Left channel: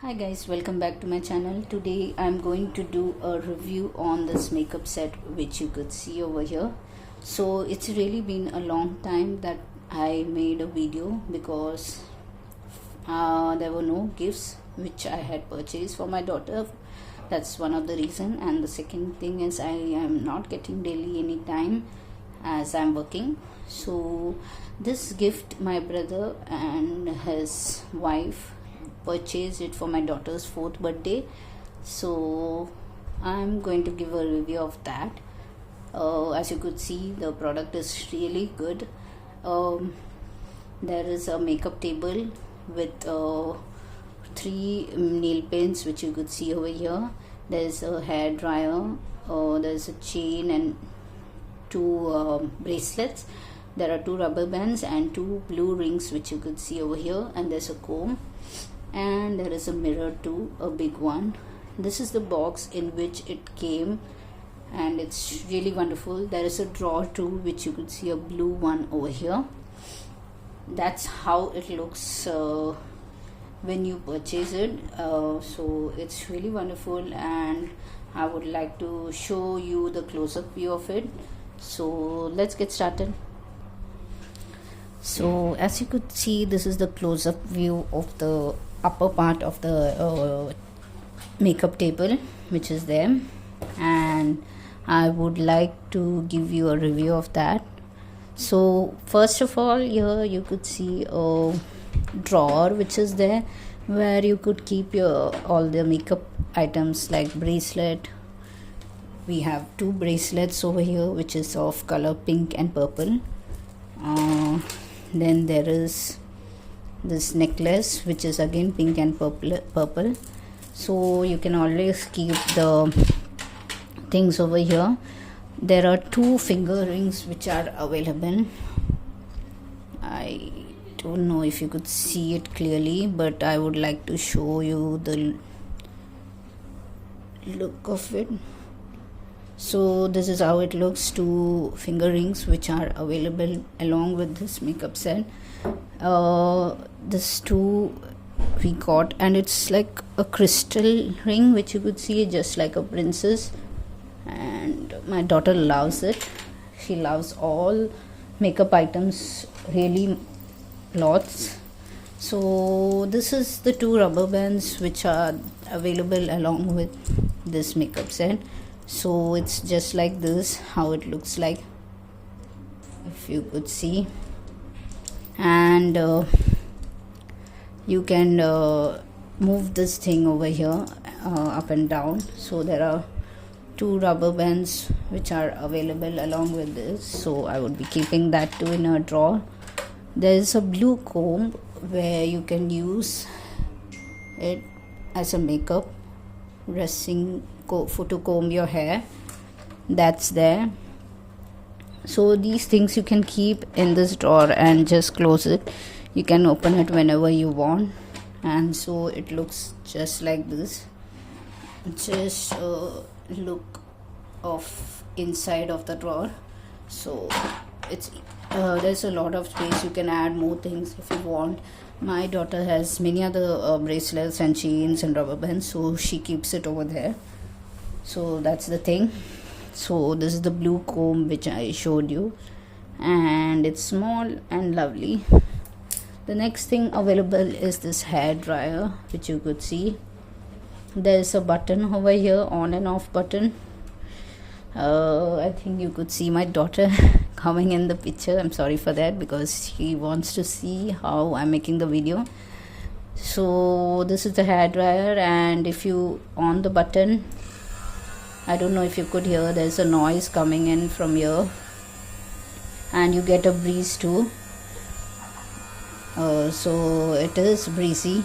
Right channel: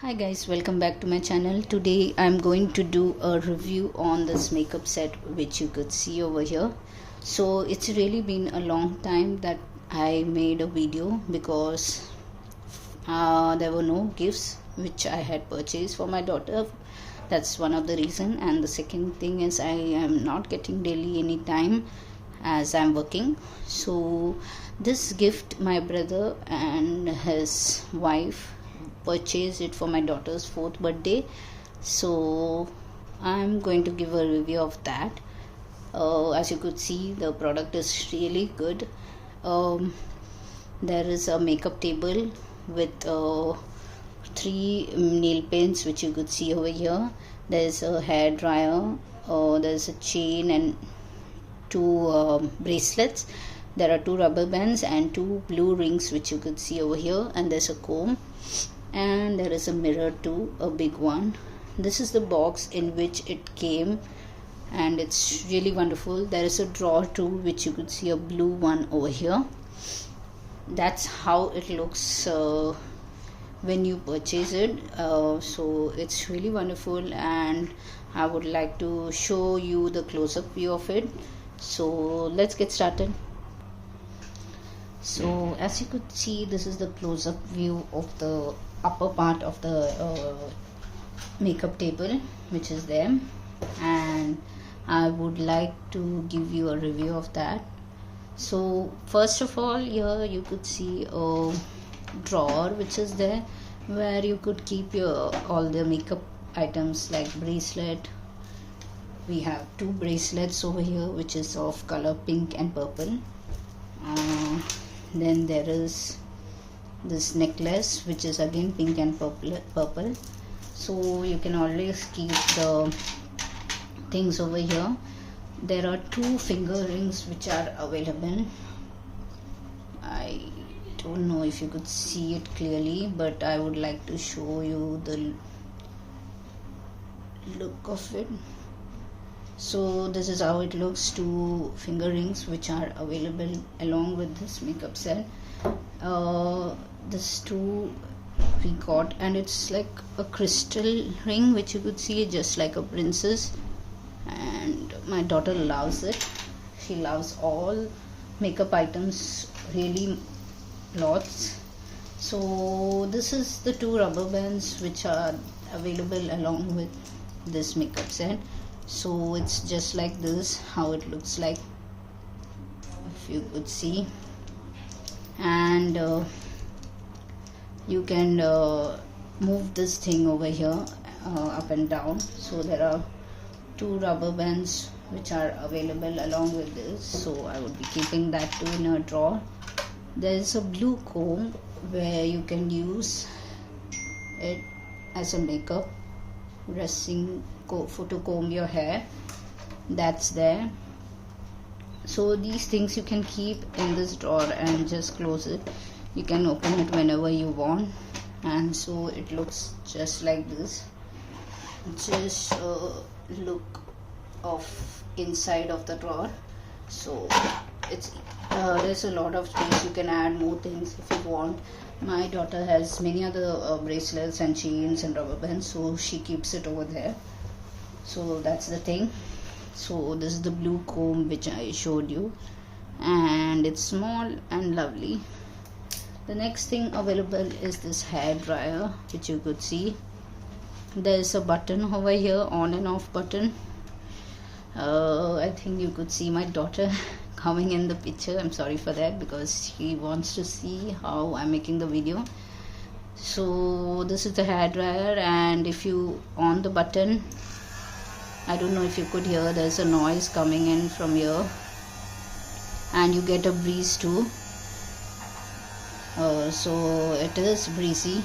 Hi guys, welcome back to my channel. Today I'm going to do a review on this makeup set which you could see over here. So it's really been a long time that I made a video because there were no gifts which I had purchased for my daughter. That's one of the reason, and the second thing is I am not getting daily any time as I'm working. So this gift my brother and his wife purchased it for my daughter's 4th birthday, so I'm going to give a review of that. As you could see, the product is really good. There is a makeup table with 3 nail pens which you could see over here. There's a hair dryer, there's a chain and 2 bracelets. There are 2 rubber bands and 2 blue rings which you could see over here, and there's a comb, and there is a mirror too, a big one. This is the box in which it came, and it's really wonderful. There is a drawer too which you could see, a blue one over here. That's how it looks when you purchase it. So it's really wonderful, and I would like to show you the close-up view of it. So let's get started. So as you could see, this is the close-up view of the upper part of the makeup table which is there, and I would like to give you a review of that. So first of all, here you could see a drawer which is there where you could keep your all the makeup items like bracelet. We have 2 bracelets over here which is of color pink and purple. Then there is this necklace which is again pink and purple. So you can always keep the things over here. There are 2 finger rings which are available. I don't know if you could see it clearly, but I would like to show you the look of it. So this is how it looks. 2 finger rings which are available along with this makeup set. This 2 we got, and it's like a crystal ring which you could see just like a princess, and my daughter loves it. She loves all makeup items, really lots. So this is the 2 rubber bands which are available along with this makeup set. So it's just like this how it looks like, if you could see. And you can move this thing over here up and down. So there are 2 rubber bands which are available along with this, so I would be keeping that too in a drawer. There is a blue comb where you can use it as a makeup dressing to comb your hair. That's there. So these things you can keep in this drawer and just close it. You can open it whenever you want, and so it looks just like this. Just look of inside of the drawer. So it's there's a lot of space. You can add more things if you want. My daughter has many other bracelets and chains and rubber bands, so she keeps it over there. So that's the thing. So this is the blue comb which I showed you, and it's small and lovely. The next thing available is this hair dryer which you could see. There is a button over here, on and off button. I think you could see my daughter coming in the picture. I'm sorry for that because she wants to see how I'm making the video. So this is the hair dryer, and if you on the button, I don't know if you could hear, there's a noise coming in from here, and you get a breeze too. So it is breezy.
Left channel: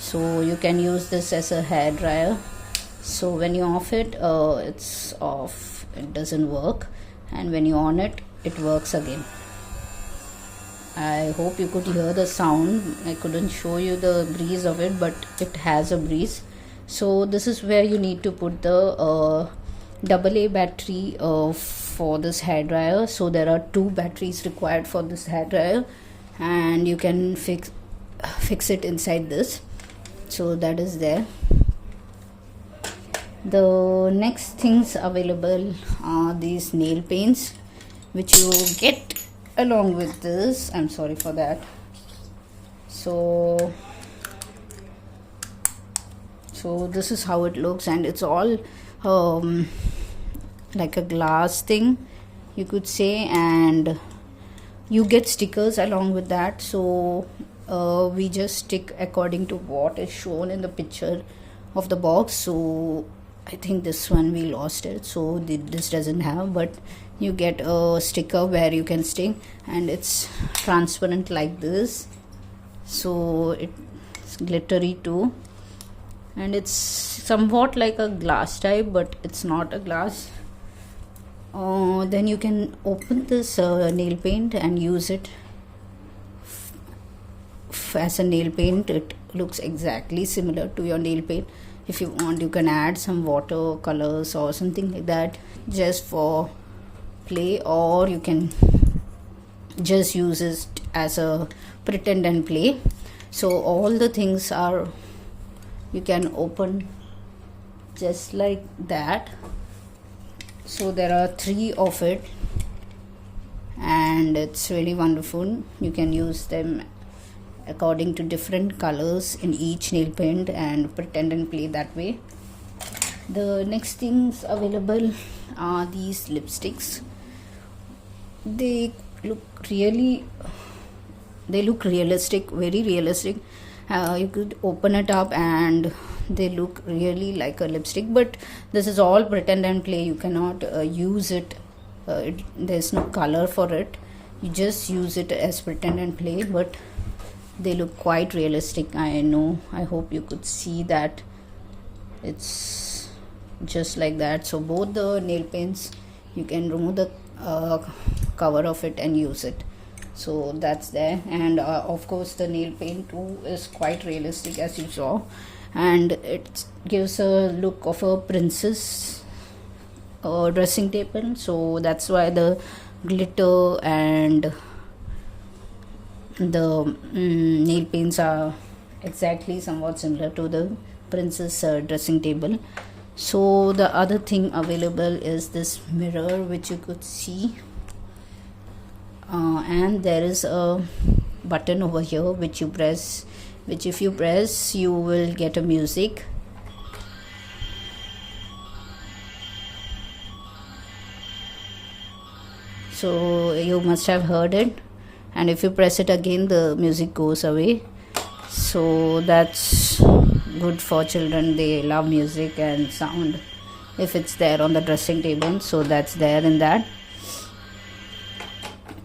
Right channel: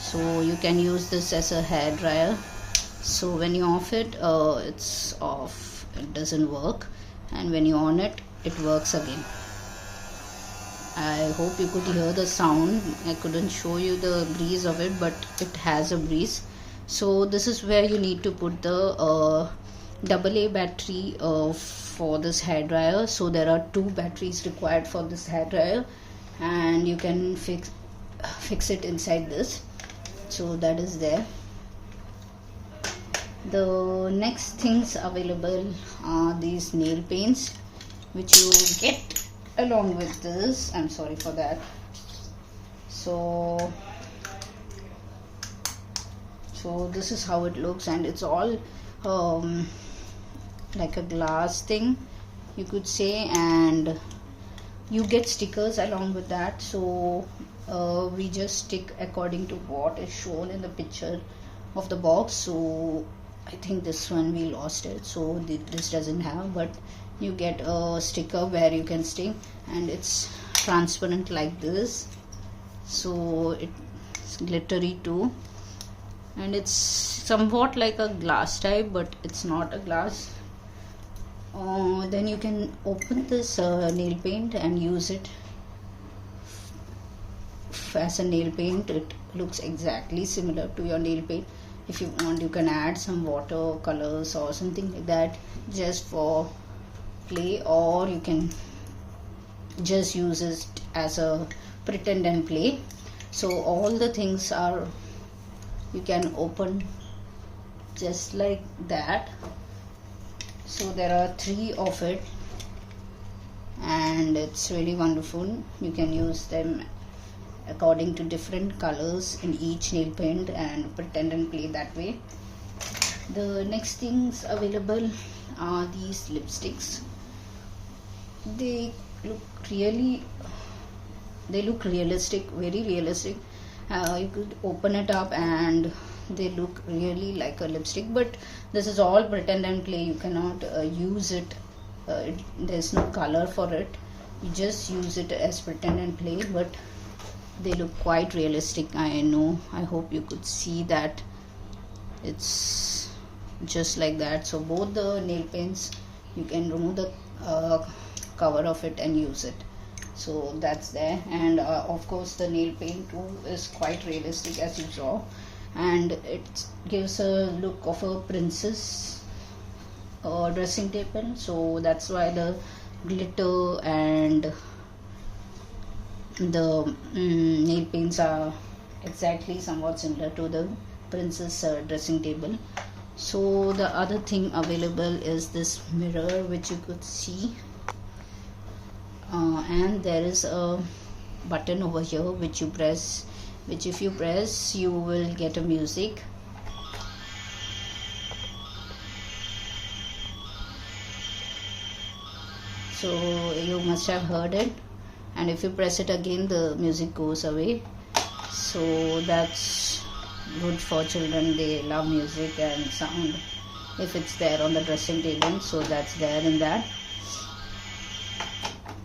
So you can use this as a hair dryer. So when you off it, it's off, it doesn't work, and when you on it, it works again. I hope you could hear the sound. I couldn't show you the breeze of it, but it has a breeze. So this is where you need to put the AA battery for this hair dryer. So there are 2 batteries required for this hair dryer, and you can fix it inside this. So that is there. The next things available are these nail paints, which you get along with this. I'm sorry for that. So this is how it looks, and it's all like a glass thing, you could say, and you get stickers along with that. So we just stick according to what is shown in the picture of the box. So I think this one we lost it, so this doesn't have, but you get a sticker where you can stick, and it's transparent like this, so it's glittery too, and it's somewhat like a glass type, but it's not a glass. Then you can open this nail paint and use it as a nail paint. It looks exactly similar to your nail paint. If you want, you can add some water colors or something like that just for play, or you can just use it as a pretend and play. So all the things are, you can open just like that. So there are 3 of it, and it's really wonderful. You can use them according to different colors in each nail paint and pretend and play that way. The next things available are these lipsticks. They look realistic, very realistic. You could open it up and they look really like a lipstick, but this is all pretend and play. You cannot use it, there's no color for it. You just use it as pretend and play, but they look quite realistic. I know, I hope you could see that it's just like that. So both the nail paints, you can remove the cover of it and use it. So that's there, and of course the nail paint too is quite realistic, as you saw, and it gives a look of a princess dressing table. So that's why the glitter and the nail paints are exactly somewhat similar to the princess dressing table. So the other thing available is this mirror, which you could see, and there is a button over here which if you press you will get a music. So you must have heard it, and if you press it again the music goes away. So that's good for children. They love music and sound if it's there on the dressing table. So that's there in that,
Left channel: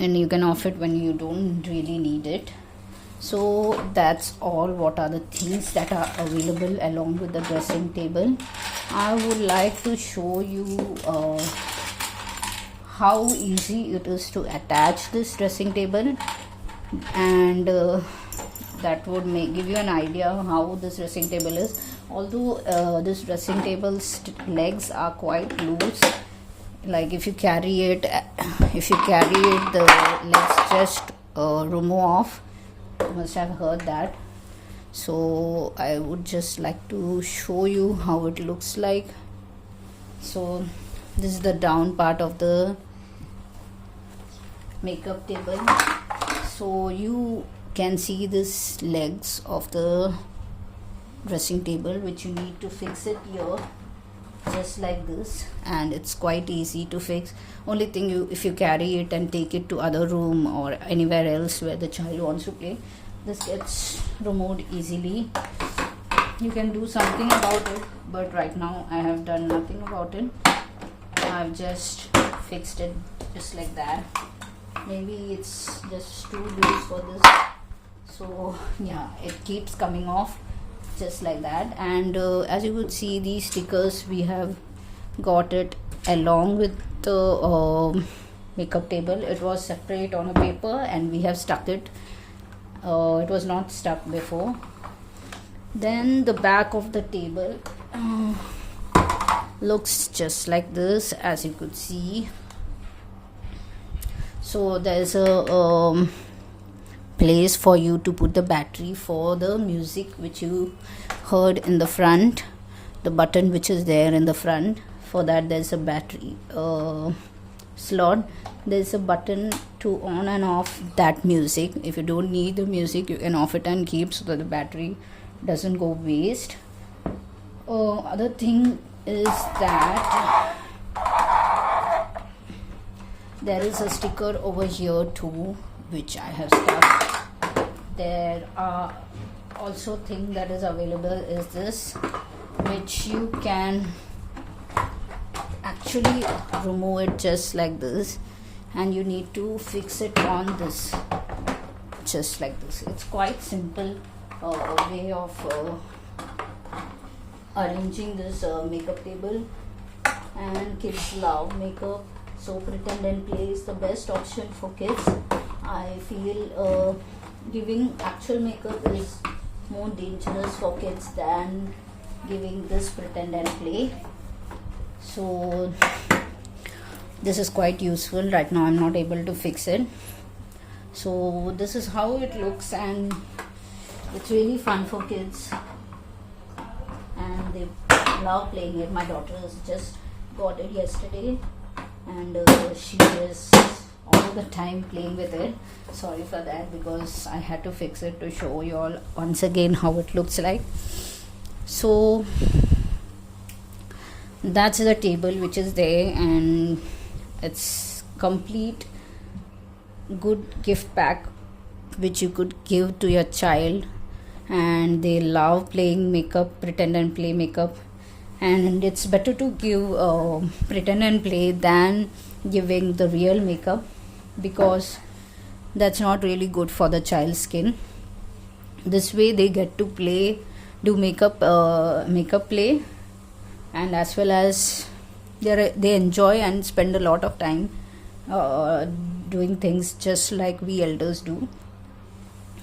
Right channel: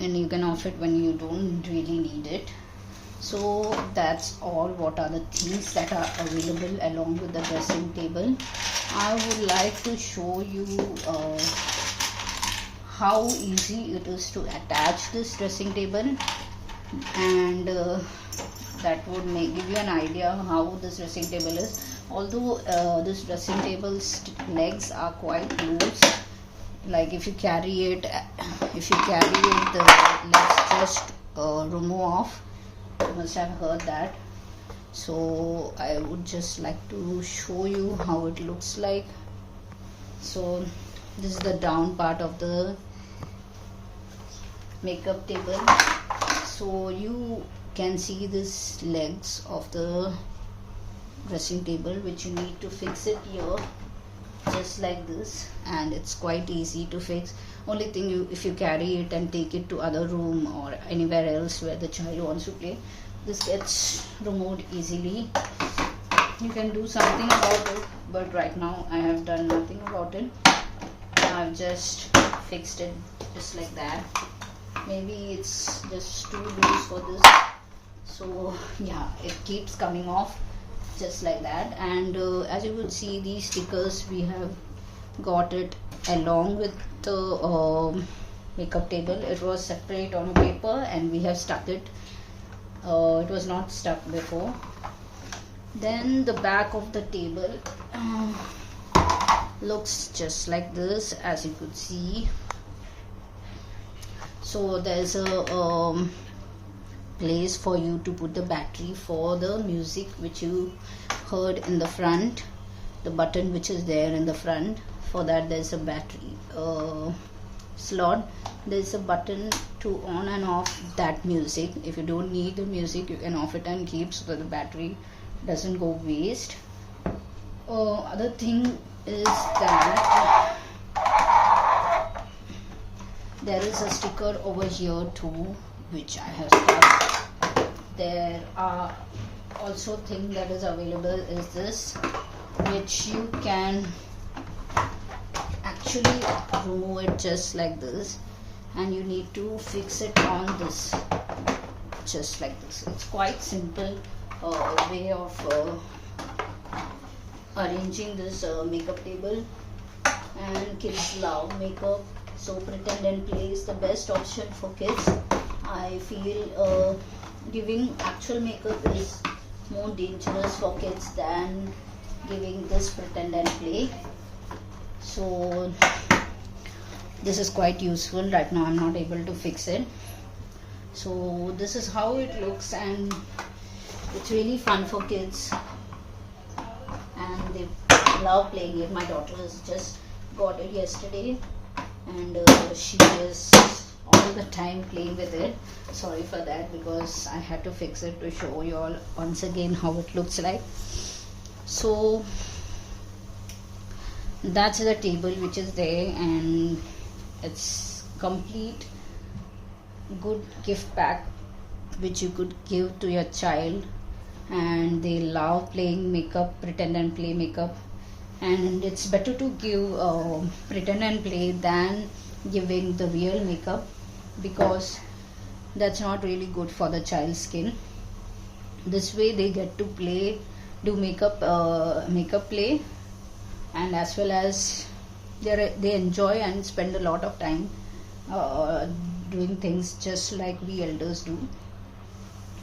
and you can off it when you don't really need it. So that's all. What are the things that are available along with the dressing table? I would like to show you how easy it is to attach this dressing table, and that would give you an idea of how this dressing table is. Although this dressing table's legs are quite loose, like if you carry it the legs just remove off. You must have heard that. So I would just like to show you how it looks like. So this is the down part of the makeup table. So you can see this legs of the dressing table, which you need to fix it here just like this, and it's quite easy to fix. Only thing, if you carry it and take it to other room or anywhere else where the child wants to play, this gets removed easily. You can do something about it, but right now I have done nothing about it. I've just fixed it just like that. Maybe it's just too loose for this, so yeah, it keeps coming off just like that. And as you could see, these stickers, we have got it along with the makeup table. It was separate on a paper and we have stuck it. It was not stuck before. Then the back of the table looks just like this, as you could see. So there's a place for you to put the battery for the music which you heard in the front, the button which is there in the front. For that there's a battery slot. There's a button to on and off that music. If you don't need the music, you can off it and keep, so that the battery doesn't go waste. Other thing is that there is a sticker over here too, which I have stuck. There are also thing that is available is this, which you can actually remove it just like this, and you need to fix it on this just like this. It's quite simple way of arranging this makeup table, and kids love makeup, so Pretend and Play is the best option for kids. I feel giving actual makeup is more dangerous for kids than giving this Pretend and Play. So this is quite useful. Right now I'm not able to fix it. So this is how it looks, and it's really fun for kids and they love playing it. My daughter has just got it yesterday, and she is all the time playing with it. Sorry for that, because I had to fix it to show you all once again how it looks like. So that's the table which is there, and it's complete good gift pack which you could give to your child, and they love playing makeup, Pretend and Play makeup. And it's better to give Pretend and Play than giving the real makeup, because that's not really good for the child's skin. This way they get to play, do makeup play, and as well as they enjoy and spend a lot of time doing things just like we elders do.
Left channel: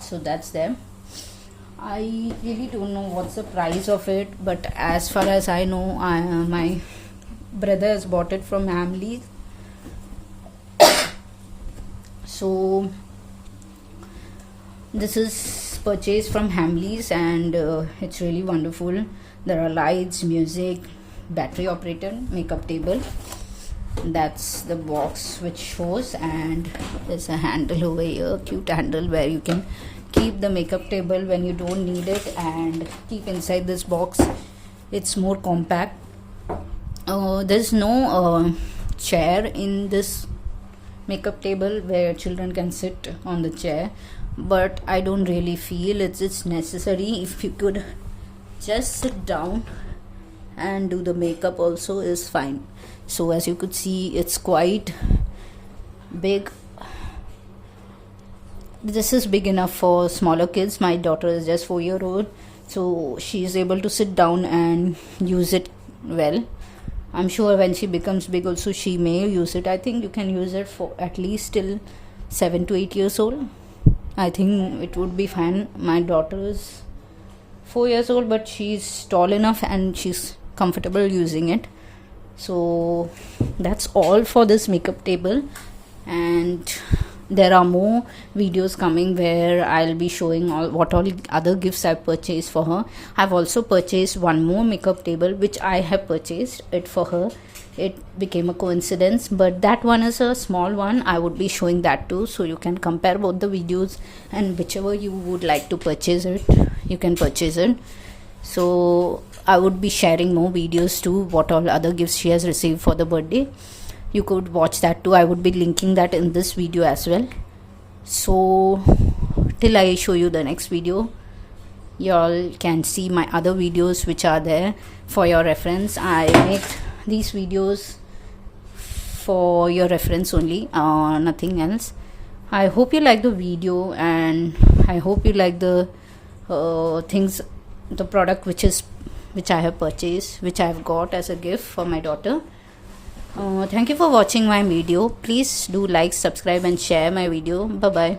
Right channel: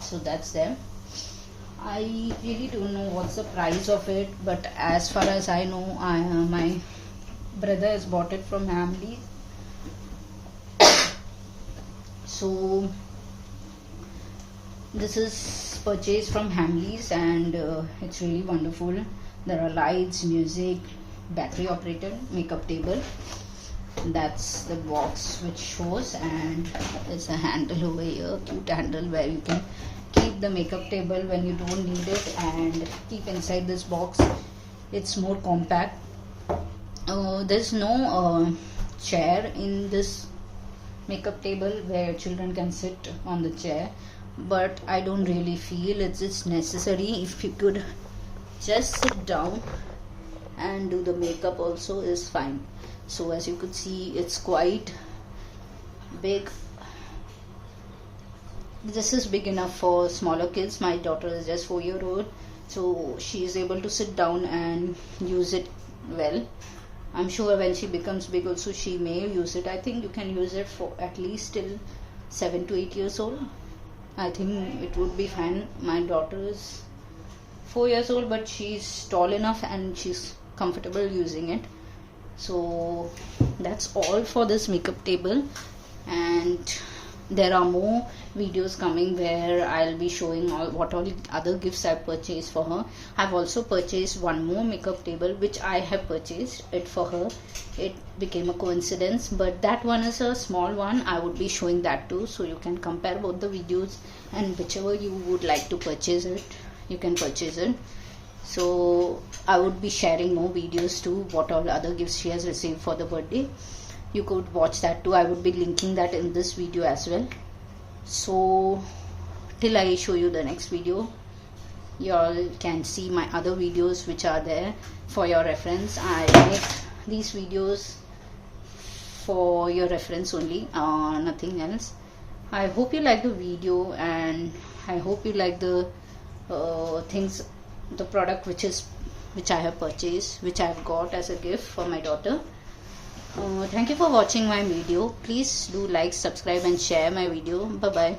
So that's there. I really don't know what's the price of it, but as far as I know, my brother has bought it from Hamleys. So this is purchased from Hamleys, and it's really wonderful. There are lights, music, battery operated makeup table. That's the box which shows, and there's a handle over here, cute handle, where you can keep the makeup table when you don't need it and keep inside this box. It's more compact. There's no chair in this makeup table where children can sit on the chair, but I don't really feel it's necessary. If you could just sit down and do the makeup also is fine. So as you could see, it's quite big. This is big enough for smaller kids. My daughter is just 4-year-old, so she is able to sit down and use it well. I'm sure when she becomes big also she may use it. I think you can use it for at least till 7 to 8 years old. I think it would be fine. My daughter is 4 years old, but she's tall enough and she's comfortable using it. So that's all for this makeup table, and there are more videos coming where I'll be showing what all other gifts I've purchased for her. I've also purchased one more makeup table which I have purchased it for her. It became a coincidence, but that one is a small one. I would be showing that too, so you can compare both the videos, and whichever you would like to purchase it, you can purchase it. So I would be sharing more videos too, what all other gifts she has received for the birthday. You could watch that too. I would be linking that in this video as well. So till I show you the next video, y'all can see my other videos which are there for your reference. I make these videos for your reference only, nothing else. I hope you like the video, and I hope you like the things, the product which I have purchased, which I have got as a gift for my daughter. Thank you for watching my video. Please do like, subscribe and share my video. Bye bye.